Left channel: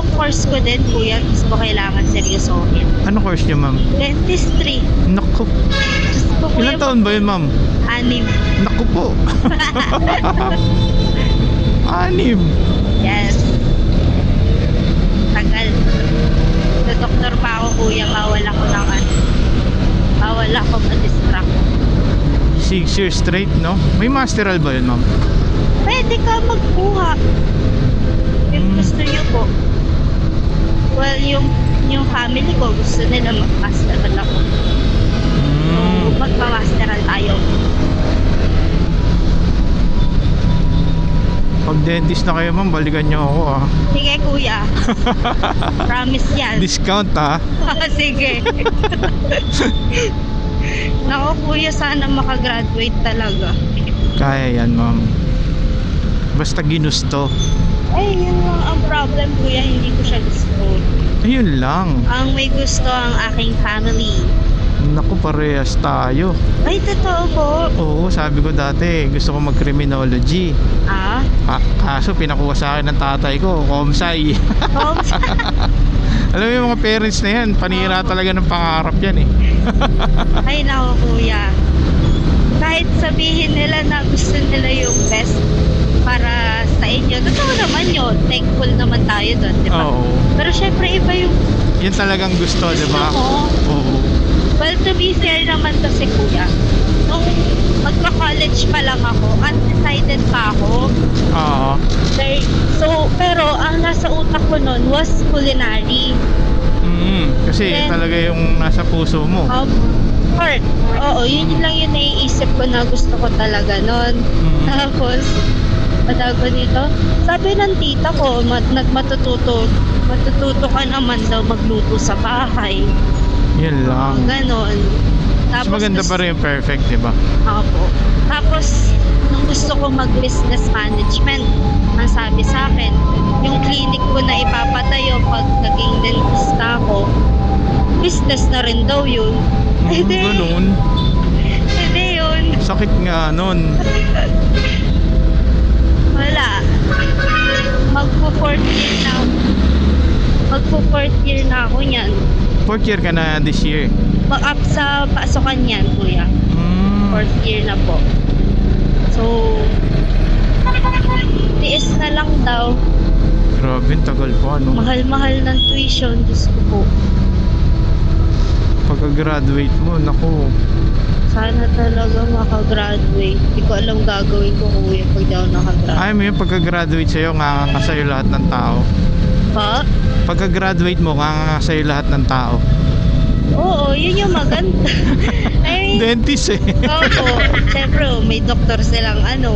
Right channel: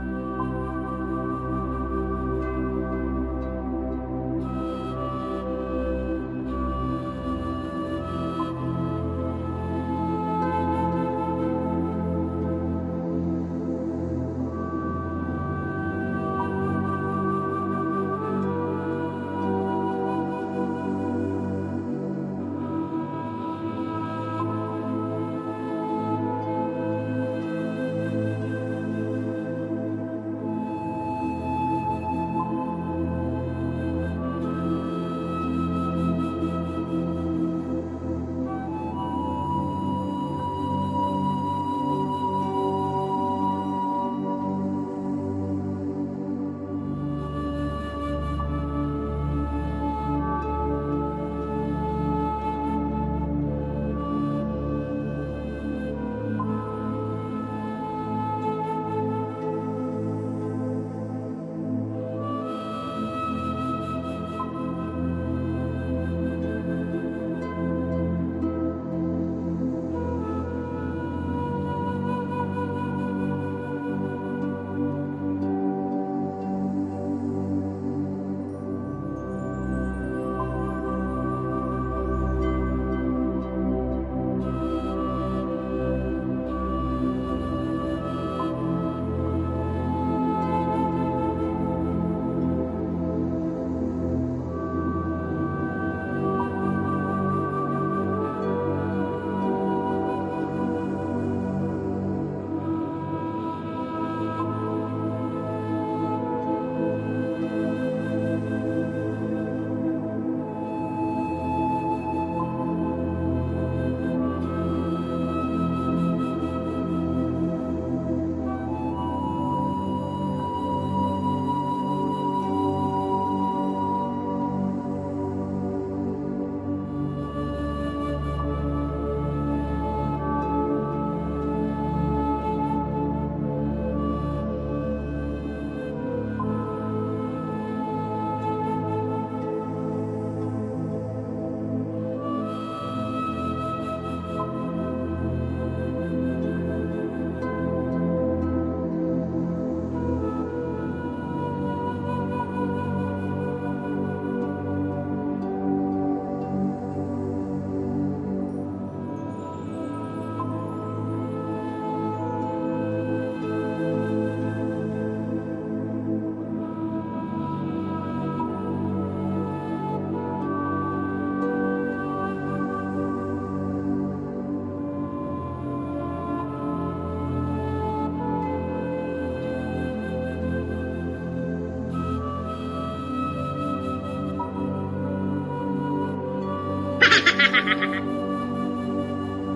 yung course ko din, kuya. Gusto ko kailangan seryosohin. Ano course niyo, ma'am? Dentistry. Naku, Gusto ko, kuya, ilang taon ba yun, ma'am? anim. Naku po. Anim. Yes. Tagal. Sa doktor pa ako, kuya. Bawal ako ng ano. Bawal ako ma-distract. Six years straight, no? May masteral ba yun, ma'am? Pwede ka magkuha. Yung gusto niyo po. Yung yung family ko gusto nila mag-masteral ako. So, Mm. magpa-masteral tayo. Pag dentist na kayo, ma'am, balikan niyo ako, ah. Sige, kuya. Promise yan. Discount, ah. Sige. Nako, kuya, sana makagraduate talaga. Kaya yan, ma'am. Basta ginusto. Ay, yun lang ang problem, kuya. Hindi ko siya gusto. Ayun lang. Ang may gusto ang aking family. Naku, parehas tayo. Ay, totoo po. Oo, sabi ko dati, gusto ko mag-criminology. Ah? Ka- kaso pinakuha sa akin ng tatay ko, komsay. Homes? Alam mo yung mga parents na yan, panira talaga ng pangarap yan eh. Ay, nako, kuya. Kahit sabihin nila na gusto nila yung best para sa inyo. Totoo naman yun. Thankful naman tayo doon, di ba? Oo. Pero syempre, iba yung Yan talagang gusto, di gusto ba? mo. Oo. Well, to be fair naman kasi kuya, nung magka-college pa lang ako, undecided pa ako. Oo. There- So, pero ang nasa utak ko nun was culinary. Mm, kasi Then- talaga yung nasa puso mo. Um, or, oo, yun lang yung naiisip ko na gusto ko talaga nun. Mm. Tapos, matawag ko dito, sabi ng tita ko, mat, nagmatututo, matututo ka naman daw magluto sa bahay. Yun lang. Ganon. Mas maganda pa rin yung perfect, di ba? Ako. Tapos, nung gusto ko mag-business management, ang sabi sa akin, yung clinic ko na ipapatayo pag naging dentista ako, business na rin daw yun. Eh Mm, ganun. eh di yun. Sakit nga nun. Wala. Magpo-fourth year na Magpo-fourth year na ako niyan. Fourth year ka na this year. Mag-up sa pasokan yan, kuya. Mm. Fourth year na po. So, tiis na lang daw. Grabe, tagal pa, no? Mahal-mahal ng tuition, Diyos ko po. Pagka-graduate mo, naku. Sana talaga makagraduate. Hindi ko alam gagawin ko kuya pag ako nakagraduate. Ayaw mo yung pagka-graduate sa'yo, nganga sa'yo lahat ng tao. Pa? Pagka-graduate mo, nganga sa'yo lahat ng tao. Oo, yun yung maganda. I mean, Dentist eh. Oo, siyempre, oh, may doktor silang ano?